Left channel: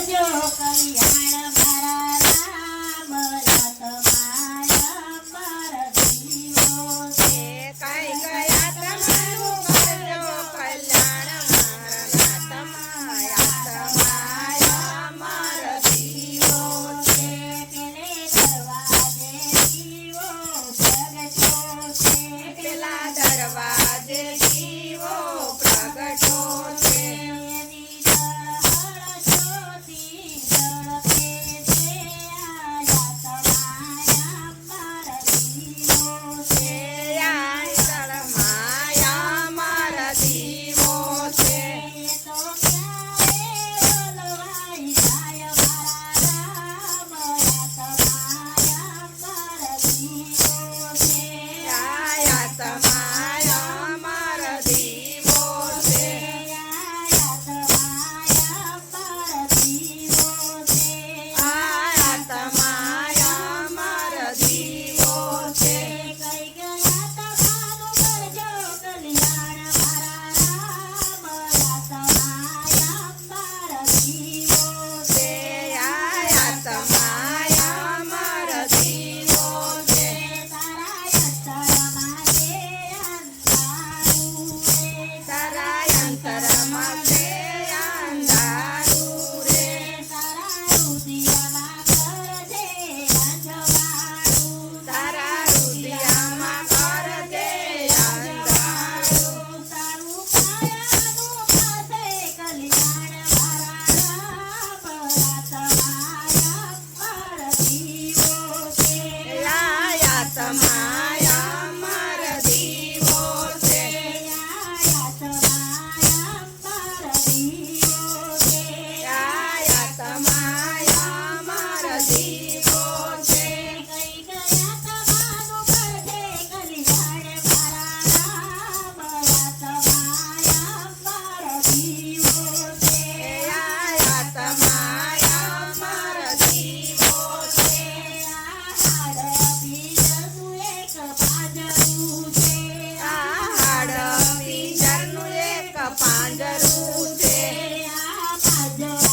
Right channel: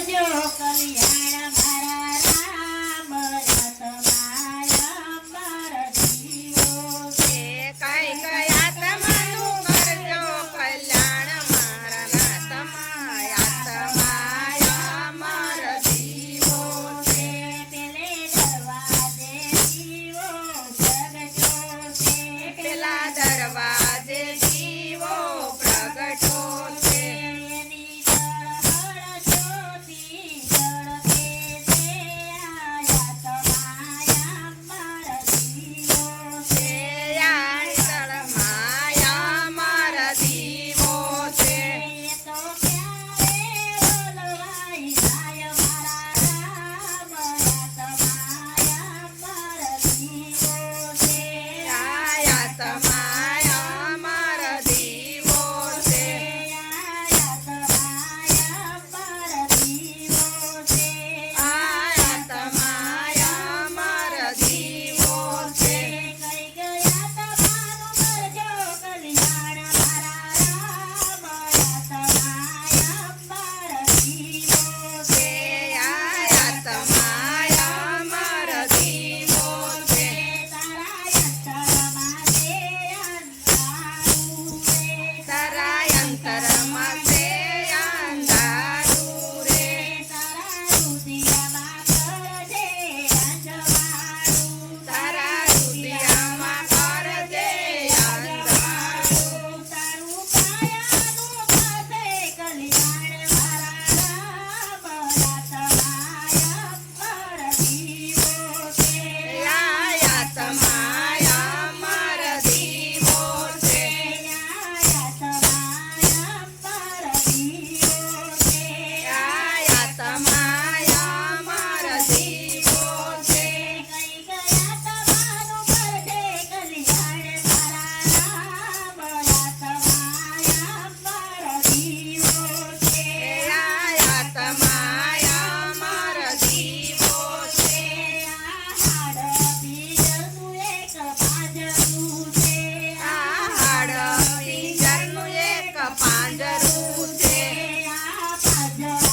કરજો કલ્યાણ yeah.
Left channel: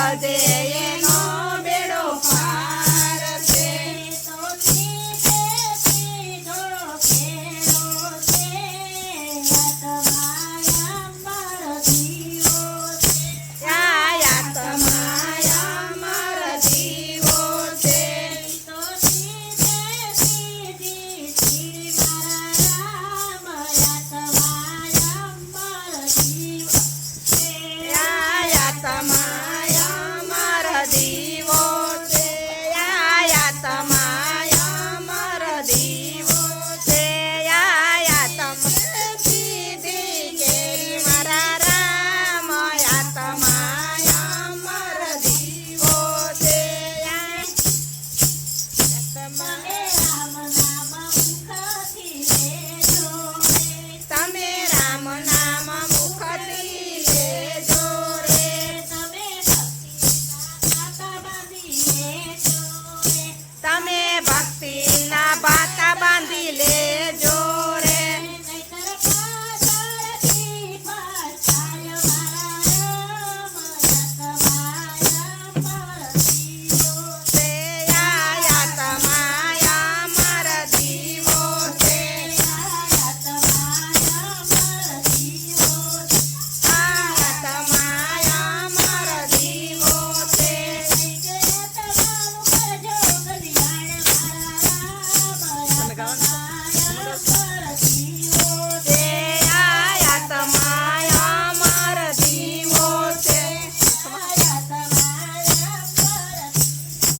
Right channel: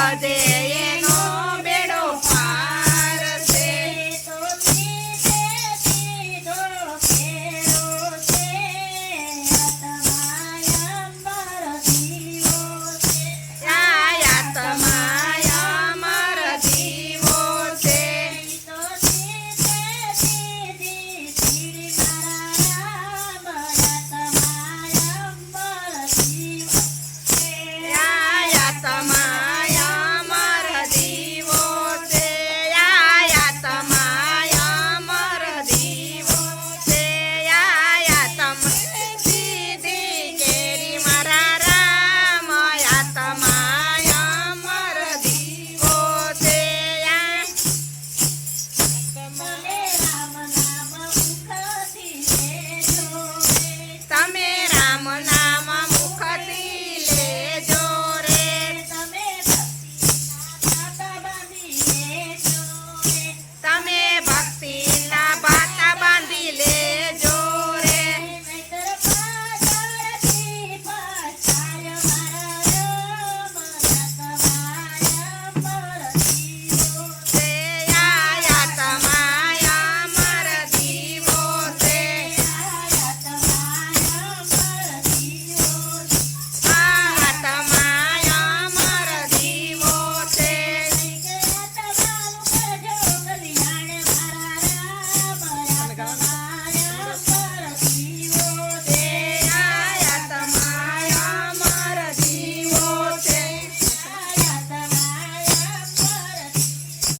Radhe